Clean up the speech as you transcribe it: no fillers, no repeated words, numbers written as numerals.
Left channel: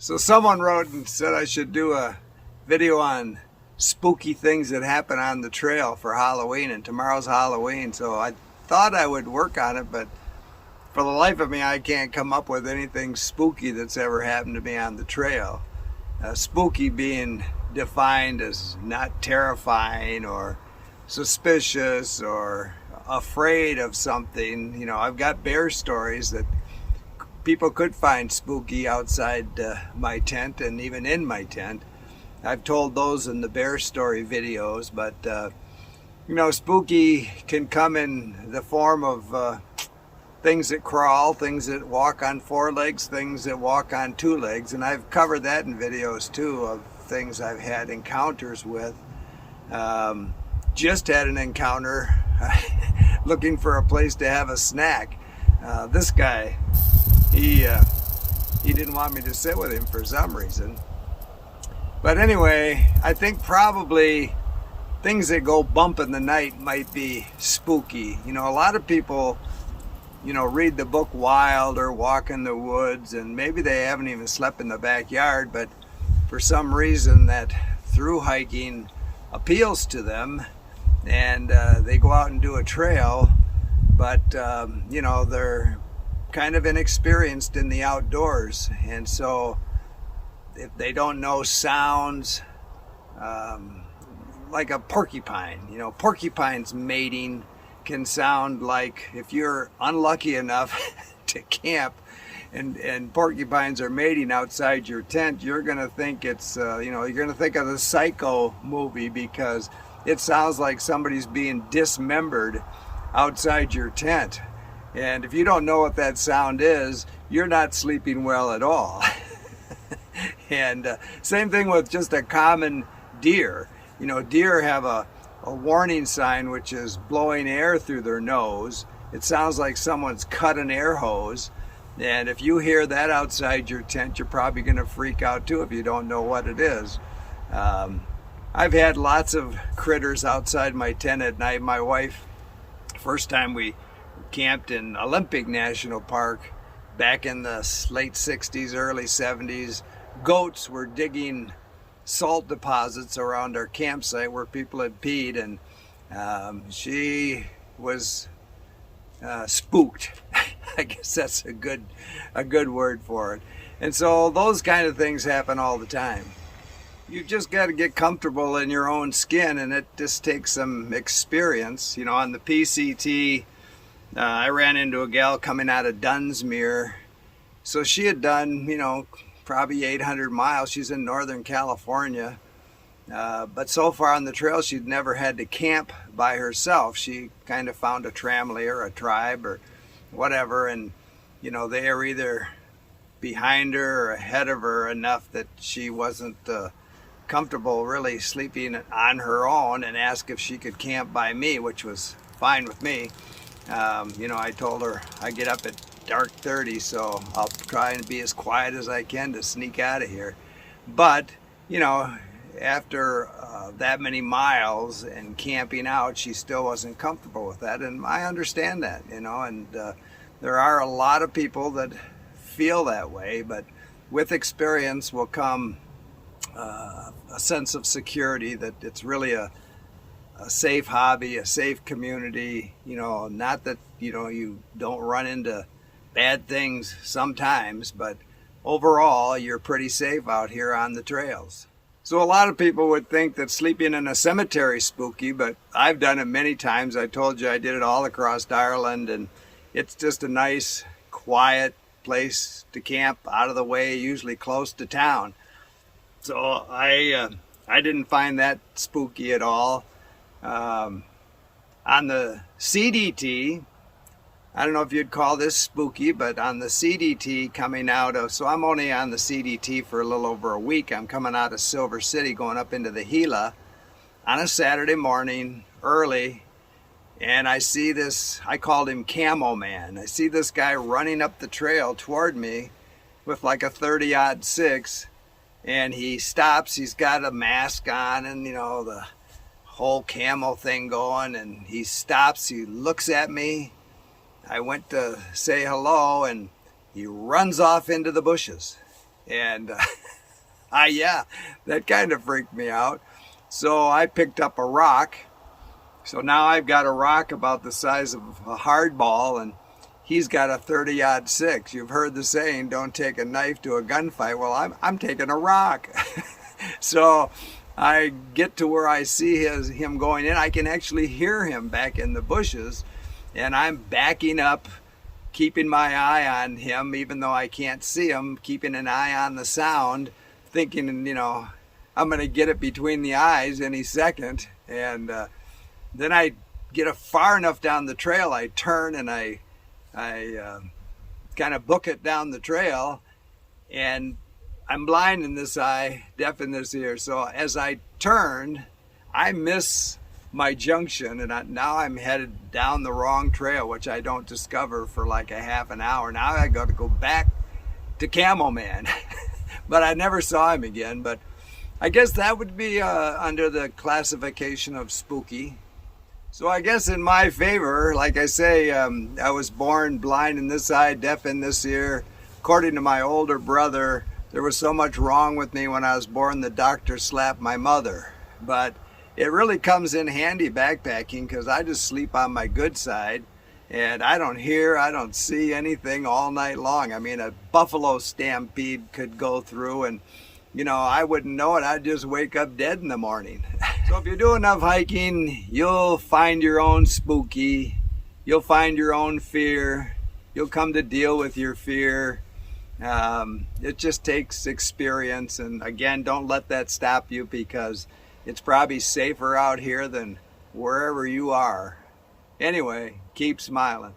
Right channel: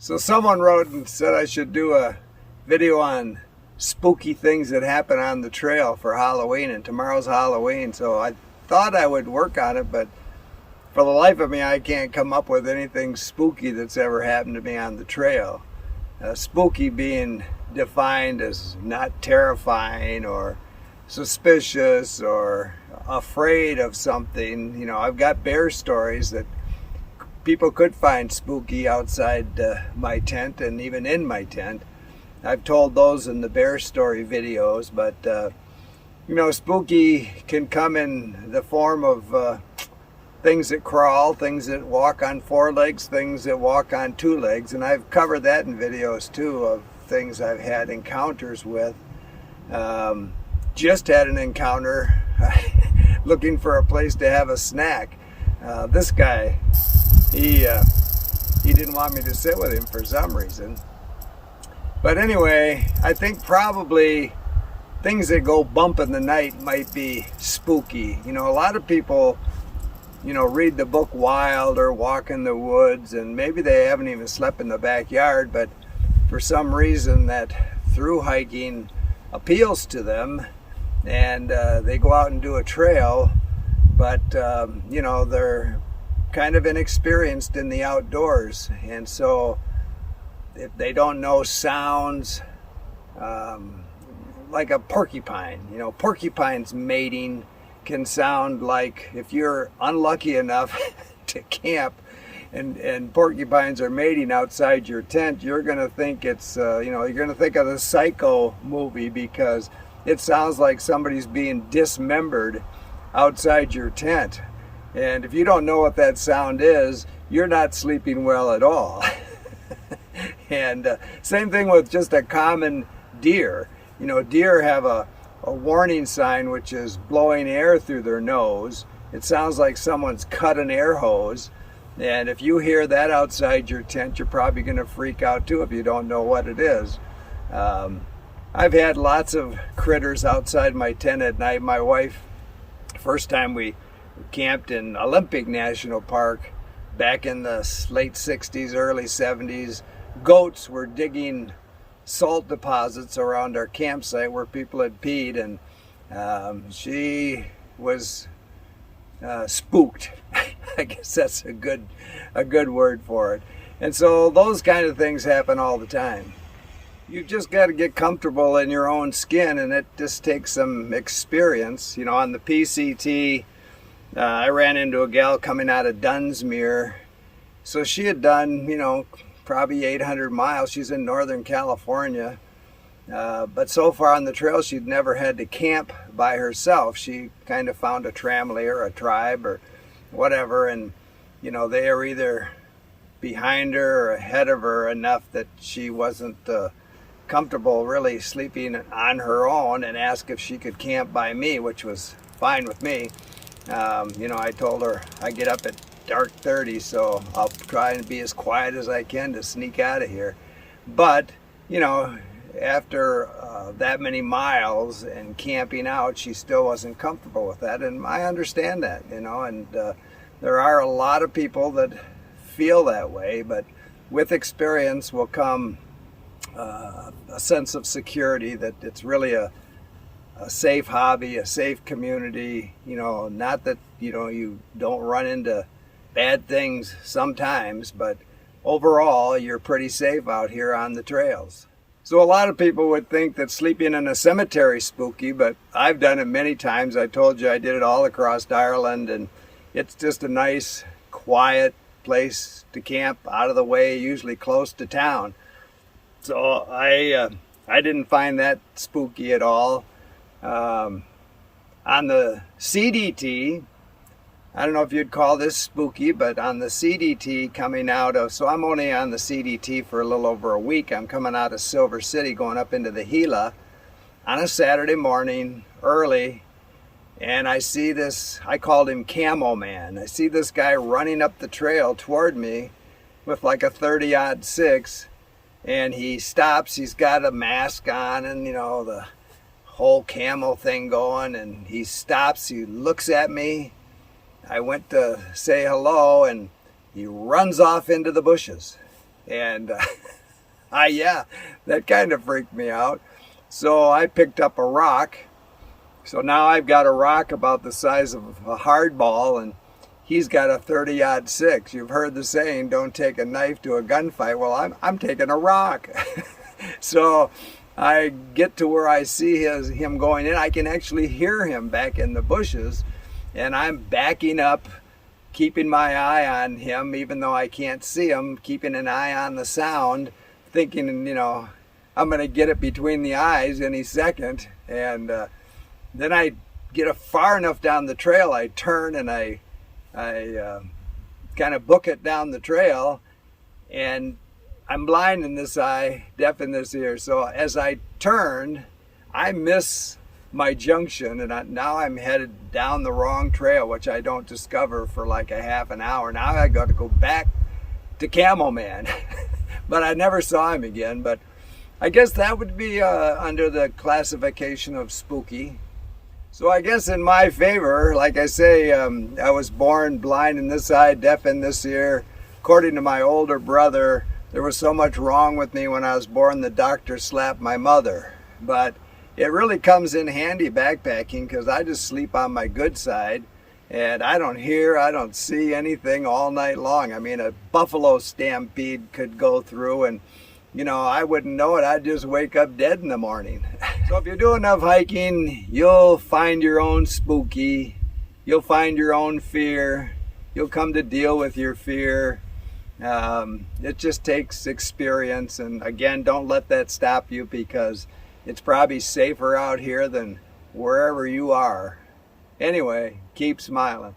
So someone wrote and said I should do a video on spooky things that happen on the trail for Halloween, and tomorrow's Halloween, so I thought I would work on it, but for the life of me I can't come up with anything spooky that's ever happened to me on the trail. Spooky being defined as not terrifying or suspicious or afraid of something. You know, I've got bear stories that people could find spooky outside my tent and even in my tent. I've told those in the bear story videos, but you know, spooky can come in the form of things that crawl, things that walk on four legs, things that walk on two legs, and I've covered that in videos too of things I've had encounters with. Just had an encounter looking for a place to have a snack. This guy, he didn't want me to sit with him for some reason. But anyway, I think probably things that go bump in the night might be spooky. You know, a lot of people, you know, read the book Wild or walk in the woods, and maybe they haven't even slept in the backyard, but for some reason that through hiking appeals to them, and they go out and do a trail, but you know, they're kind of inexperienced in the outdoors, and so if they don't know sounds, like a porcupine, you know, porcupines mating can sound like, if you're unlucky enough to camp and porcupines are mating outside your tent, you're gonna think it's you know, you're gonna think of the Psycho movie, because it sounds like somebody's being dismembered outside your tent. And if you don't know what that sound is, you're not sleeping well at all. And same thing with just a common deer. You know, deer have a warning sign, which is blowing air through their nose. It sounds like someone's cut an air hose. And if you hear that outside your tent, you're probably going to freak out too if you don't know what it is. I've had lots of critters outside my tent at night. My wife, first time we camped in Olympic National Park back in the late 60s, early 70s, goats were digging salt deposits around our campsite where people had peed, and she was spooked. I guess that's a good word for it. And so those kind of things happen all the time. You just got to get comfortable in your own skin, and it just takes some experience. You know, on the PCT, I ran into a gal coming out of Dunsmuir. So she had done, you know, probably 800 miles. She's in Northern California. But so far on the trail, she'd never had to camp by herself. She kind of found a tramily or a tribe or whatever, and you know, they are either behind her or ahead of her enough that she wasn't comfortable really sleeping on her own, and asked if she could camp by me, which was fine with me. You know, I told her I get up at dark 30, so I'll try and be as quiet as I can to sneak out of here. But you know, after that many miles and camping out, she still wasn't comfortable with that, and I understand that, you know, and there are a lot of people that feel that way, but with experience will come a sense of security that it's really a safe hobby, a safe community. You know, not that, you know, you don't run into bad things sometimes, but overall you're pretty safe out here on the trails. So a lot of people would think that sleeping in a cemetery is spooky, but I've done it many times. I told you I did it all across Ireland, and it's just a nice, quiet place to camp, out of the way, usually close to town. So I didn't find that spooky at all. On the CDT, I don't know if you'd call this spooky, but on the CDT coming out of, so I'm only on the CDT for a little over a week. I'm coming out of Silver City, going up into the Gila on a Saturday morning early, and I see this, I called him Camo Man. I see this guy running up the trail toward me with like a 30-06, and he stops. He's got a mask on and, you know, the whole camo thing going, and he stops, he looks at me. I went to say hello, and he runs off into the bushes. And yeah, that kind of freaked me out. So I picked up a rock. So now I've got a rock about the size of a hardball, and he's got a 30-06. You've heard the saying, don't take a knife to a gunfight. Well, I'm taking a rock. So I get to where I see him going in. I can actually hear him back in the bushes, and I'm backing up, keeping my eye on him, even though I can't see him, keeping an eye on the sound, thinking, I'm going to get it between the eyes any second. And then I get far enough down the trail, I turn and I kind of book it down the trail, and I'm blind in this eye, deaf in this ear. So as I turn, I miss my junction, and now I'm headed down the wrong trail, which I don't discover for like a half an hour. Now I got to go back to Camel Man. But I never saw him again. But I guess that would be under the classification of spooky. So I guess in my favor, like I say, I was born blind in this eye, deaf in this ear. According to my older brother, there was so much wrong with me when I was born, the doctor slapped my mother. But it really comes in handy backpacking, because I just sleep on my good side. And I don't hear, I don't see anything all night long. I mean, a buffalo stampede could go through and, I wouldn't know it. I'd just wake up dead in the morning. So if you do enough hiking, you'll find your own spooky. You'll find your own fear. You'll come to deal with your fear. It just takes experience. And again, don't let that stop you, because it's probably safer out here than wherever you are. Anyway, keep smiling.